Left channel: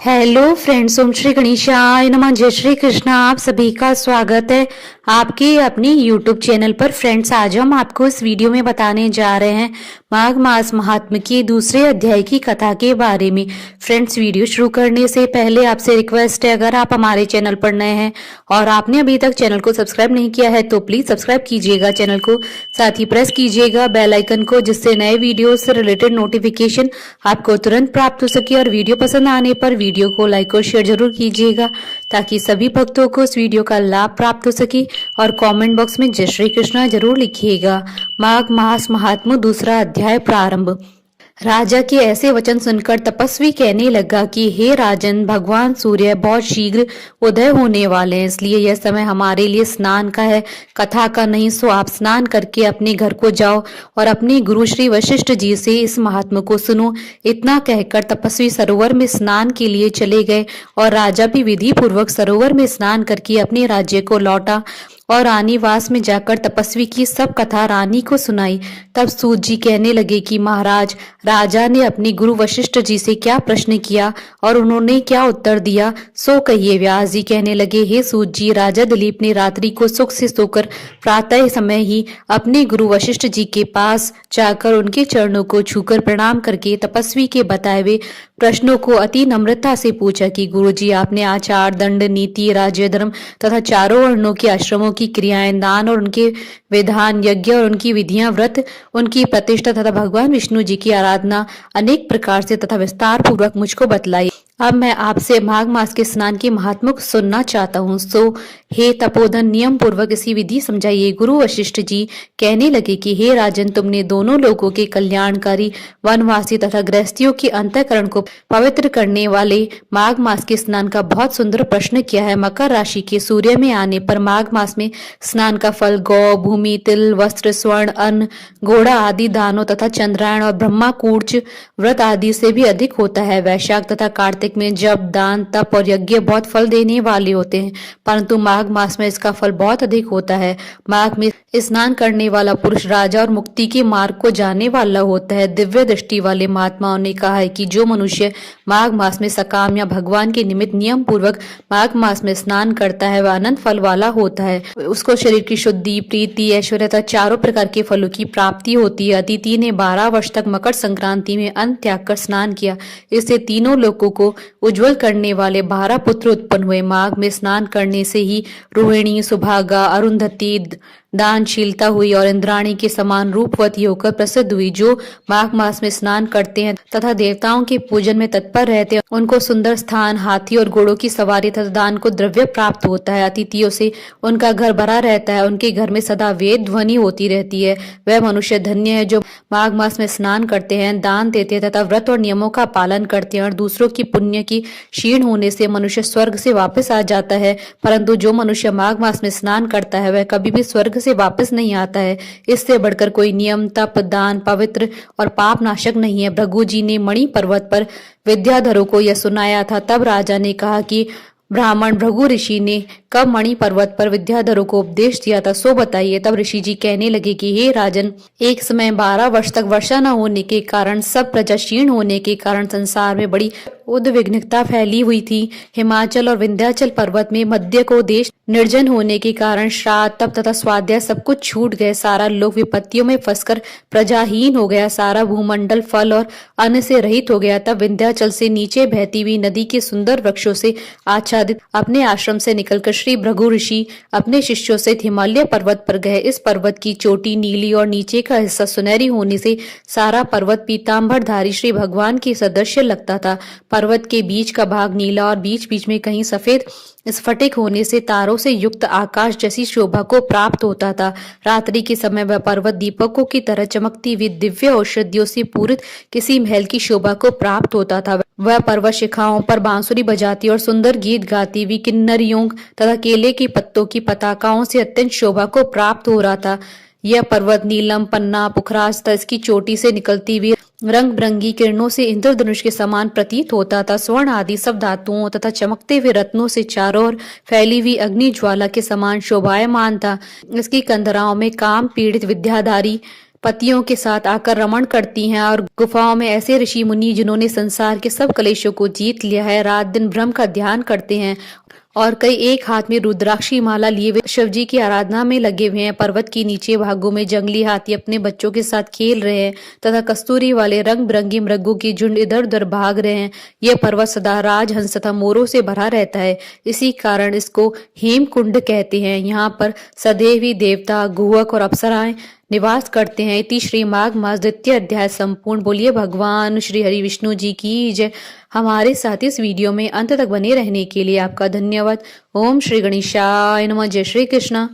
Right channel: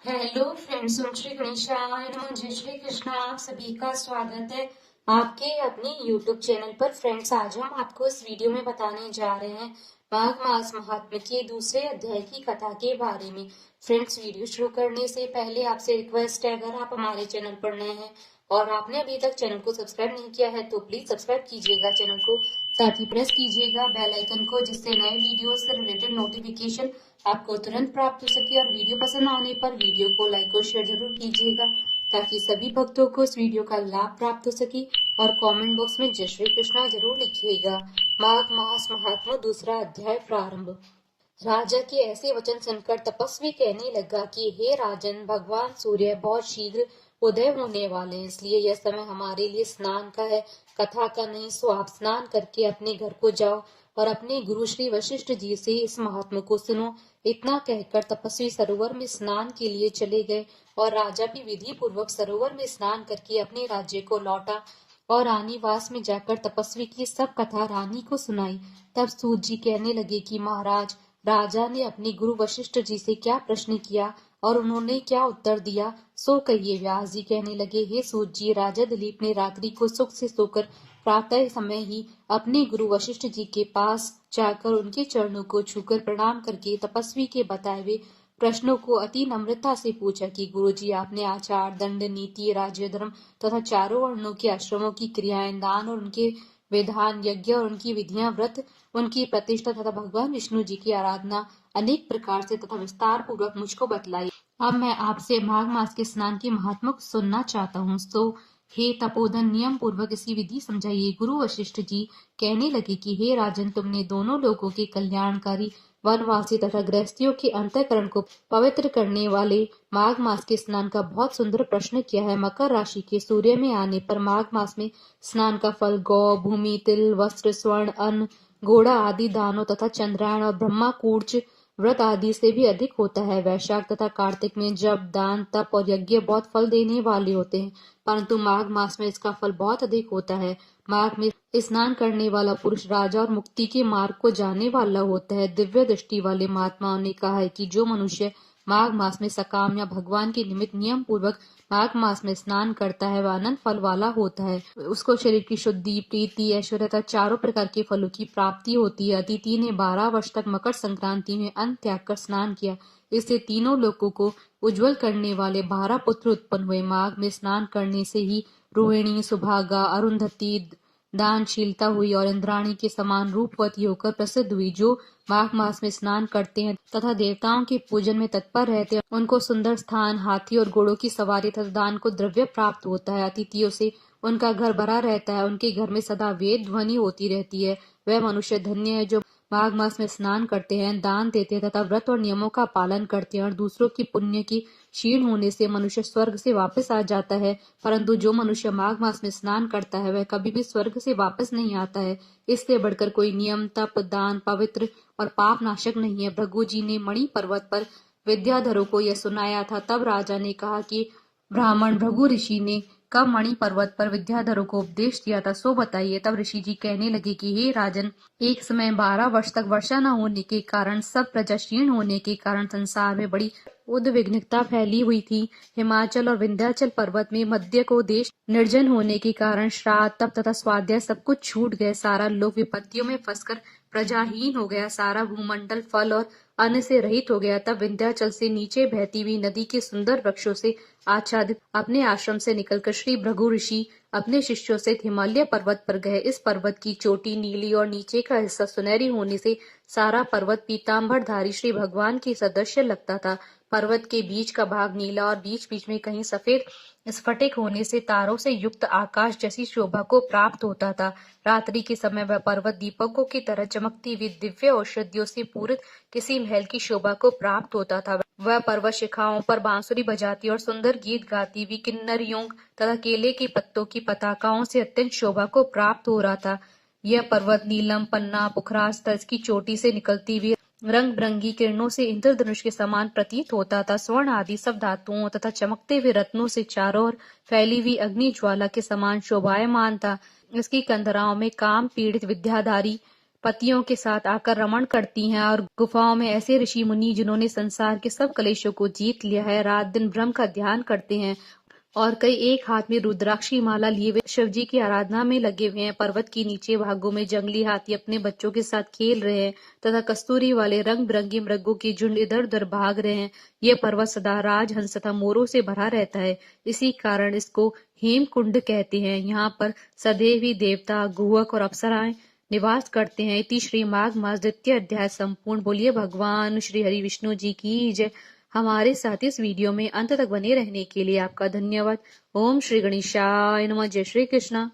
Hello friends, ओम श्री गणेशाय नमः। जय श्री कृष्णा। आप सभी का स्वागत है आपके अपने यूट्यूब चैनल पर। फ्रेंड्स, आज हम आपको इस वीडियो में बताने जा रहे हैं माघ मास महात्म्य के दूसरे अध्याय की कथा के बारे में। फ्रेंड्स, वीडियो शुरू करने से पहले आपसे रिक्वेस्ट है, अगर आप हमारे चैनल पर नए हैं और आपने अभी तक चैनल को सब्सक्राइब नहीं किया है तो प्लीज सब्सक्राइब कीजिएगा चैनल को, साथ ही प्रेस कीजिएगा बेल आइकन को, जिससे नए वीडियो से रिलेटेड नोटिफिकेशन आपको तुरंत प्राप्त हो सके। और वीडियो पसंद आने पर वीडियो को लाइक और शेयर जरूर कीजिएगा ताकि सभी भक्तों को इस वीडियो का लाभ प्राप्त हो सके। और कमेंट बॉक्स में जय श्री कृष्णा जरूर लिखिएगा। माघ मास महात्म्य दूसरा अध्याय प्रारंभ। राजा के ऐसे वचन सुनकर तपस्वी कहने लगा कि हे राजन, भगवान सूर्य बहुत शीघ्र उदय होने वाले हैं, इसलिए यह समय हमारे लिए स्नान का है, कथा का नहीं। सो आप स्नान करके अपने घर को जाओ और अपने गुरु श्री वशिष्ठ जी से इस महात्मा को सुनो। इतना कहकर तपस्वी सरोवर में स्नान के लिए चले गए और राजा भी विधि पूर्वक सरोवर में स्नान करके अपने राज्य को लौटा और रानीवास में जाकर तपस्वी की सब कथा रानी को सुनाई। तब सूत जी कहने लगे कि महाराज, राजा ने अपने गुरु वशिष्ठ जी से क्या प्रश्न किया और उन्होंने क्या उत्तर दिया, सो कहिए। व्यास जी कहने लगे, हे सूत जी, राजा दिलीप ने रात्रि को सुख से सोकर प्रातः समय ही अपने गुरु वशिष्ठ जी के पास जाकर उनके चरणों को छूकर प्रणाम करके तपस्वी के बताए हुए प्रश्नों को अति नम्रता से पूछा कि गुरु जी, आपने आचार, दंड, नीति, राज्य, धर्म तथा चारों वर्णों के आश्रमों की क्रियाएं, दान और उनके विधान, यज्ञ और उनकी विधियां, व्रत, उनकी प्रतिष्ठा तथा भगवान विष्णु जी की आराधना अनेक प्रकार से तथा विस्तार पूर्वक मुझको बतलाई। अब मैं आपसे माघ मास के स्नान के महात्मा को सुनना चाहता हूँ, सो हे तपोधन, नियम पूर्वक इसी विधि समझाइए। गुरु वशिष्ठ जी कहने लगे कि हे राजन, तुमने दोनों लोगों के कल्याणकारी, वनवासी तथा गृहस्थियों के अंतःकरण को पवित्र करने वाले माघ मास के स्नान का बहुत सुंदर प्रश्न किया है। मकर राशि के सूर्य में आने पर माघ मास में स्नान का फल गौ, भूमि, तिल, वस्त्र, स्वर्ण, अन्न, घोड़ा आदि दानों तथा चंद्रायण और ब्रह्मा कूर्च व्रत आदि से भी अधिक होता है। वैशाख तथा कार्तिक में जप, दान, तप और यज्ञ बहुत फल देने वाले होते हैं, परंतु माघ मास में इसका फल बहुत अधिक होता है। माघ में स्नान करने वाला पुरुष राजा और मुक्ति के मार्ग को जाने वाला होता है। दिव्य दृष्टि वाले महात्माओं ने कहा है कि जो मनुष्य माघ मास में सकाम या भगवान के निमित्त नियम पूर्वक माघ मास में स्नान करता है वह अनंत फल वाला होता है। उसको शरीर की शुद्धि, प्रीति, ऐश्वर्य तथा चारों प्रकार के फलों की प्राप्ति होती है। अदिति ने 12 वर्ष तक मकर संक्रांति में अन्न त्याग कर स्नान किया, इससे तीनों लोगों को उज्जवल करने वाले 12 पुत्र उत्पन्न हुए। माघ में स्नान करने से ही रोहिणी, सुभागा, अरुंधति दानशीलता हुई और इंद्राणी के समान रूपवती होकर प्रसिद्ध हुई। जो माघ मास में स्नान करते हैं तथा देवताओं के पूजन में तत्पर रहते हैं, उनको सुंदर स्थान, हाथी और घोड़ों की सवारी तथा दान को द्रव्य प्राप्त होता है। अतिथियों से उनका घर भरा रहता है, उनके घर में सदा वेद ध्वनि होती रहती है। वह मनुष्य धन्य है जो माघ मास में स्नान करते हैं, दान देते हैं तथा व्रत और नियमों का पालन करते हैं। और दूसरों की पुण्य की क्षीण होने से मनुष्य स्वर्ग से वापस आ जाता है, परंतु जो मनुष्य माघ मास में स्नान करता है वह कभी भी स्वर्ग से वापस नहीं आता है। इससे बढ़कर कोई नियम, तप, दान, पवित्र और पाप नाशक नहीं है। भृगु जी ने मणि पर्वत पर विद्याधरों को यह सुनाया था। तब राजा ने कहा कि ब्राह्मण भृगु ऋषि ने कब मणि पर्वत पर विद्याधरों को उपदेश दिया था, सो बताइए। तब ऋषि जी कहने लगे कि हे राजन, एक समय 12 वर्ष तक वर्षा न होने के कारण, सब प्रजा क्षीण होने के कारण संसार में बड़ी उद्विग्नता फैली हुई थी। हिमाचल और विंध्याचल पर्वत में मध्य को देश निर्जन होने के कारण श्राद्ध, तप तथा स्वाध्याय सब कुछ छूट गए। सारा लोक विपत्तियों में फंसकर प्रजाहीन हो गया। सारा भूमंडल फल और अन्न से रहित हो गया। तब विंध्याचल से नीचे बहती हुई नदी के सुंदर वृक्षों से आच्छादित अपने आश्रम से निकलकर श्री भृगु ऋषि अपने शिष्यों से हिमालय पर्वत पर गए। इस पर्वत की चोटी नीली और नीचे का हिस्सा सुनहरी होने से सारा पर्वत पीताम्बरधारी श्री भगवान के सदृश्य लगता था। पर्वत के बीच का भाग नीला और बीच बीच में कहीं सफेद स्फटिक होने से तारों से युक्त आकाश जैसी शोभा को प्राप्त होता था। रात्रि के समय वह पर्वत दीपकों की तरह चमकती हुई दिव्य औषधियों से पूरित किसी महल की शोभा को प्राप्त होता था। वह पर्वत शिखाओं पर बांसुरी बजाती और सुंदर गीत गाती हुई किन्नरियों तथा केले के पत्तों की पताकाओं से अत्यंत शोभा को प्राप्त हो रहा था। यह पर्वत नीलम, पन्ना, पुखराज तथा इसकी चोटी से निकलती हुई रंग बिरंगी किरणों से इंद्रधनुष के समान प्रतीत होता था। स्वर्ण आदि सब धातुओं तथा चमकते हुए रत्नों से चारों ओर फैली हुई अग्नि ज्वाला के समान शोभायमान था। इसकी कंदराओं में काम पीड़ित विद्याधारी पतियों के साथ आकर रमण करती हैं और गुफाओं में ऐसे ऋषि मुनि जिन्होंने संसार के सब कलेशों को जीत लिया है रात दिन ब्रह्म का ध्यान करते हैं और कई एक हाथ में रुद्राक्षी माला लिए हुए शिव जी की आराधना में लगे हुए हैं। पर्वत के नीचे भागों में जंगली हाथी अपने बच्चों के साथ खेल रहे हैं तथा कस्तूरी वाले रंग बिरंगी मृगों की झुंड इधर उधर भाग रहे हैं। यह पर्वत सदा राजहंस तथा मोरों से भरा रहता है, इसी कारण इसको हेमकुंड कहते हैं। यहाँ पर सदैव ही देवता, गुहक और अप्सराएं निवास करते हैं। इति श्री माघ मास द्वितीय अध्याय संपूर्ण। बोलिए भगवान श्री हरि विष्णु जी की जय। हमारे साथ इस वीडियो में अंत तक बने रहने के लिए आपका धन्यवाद। ओम श्री गणेशाय नमः। जय श्री कृष्ण।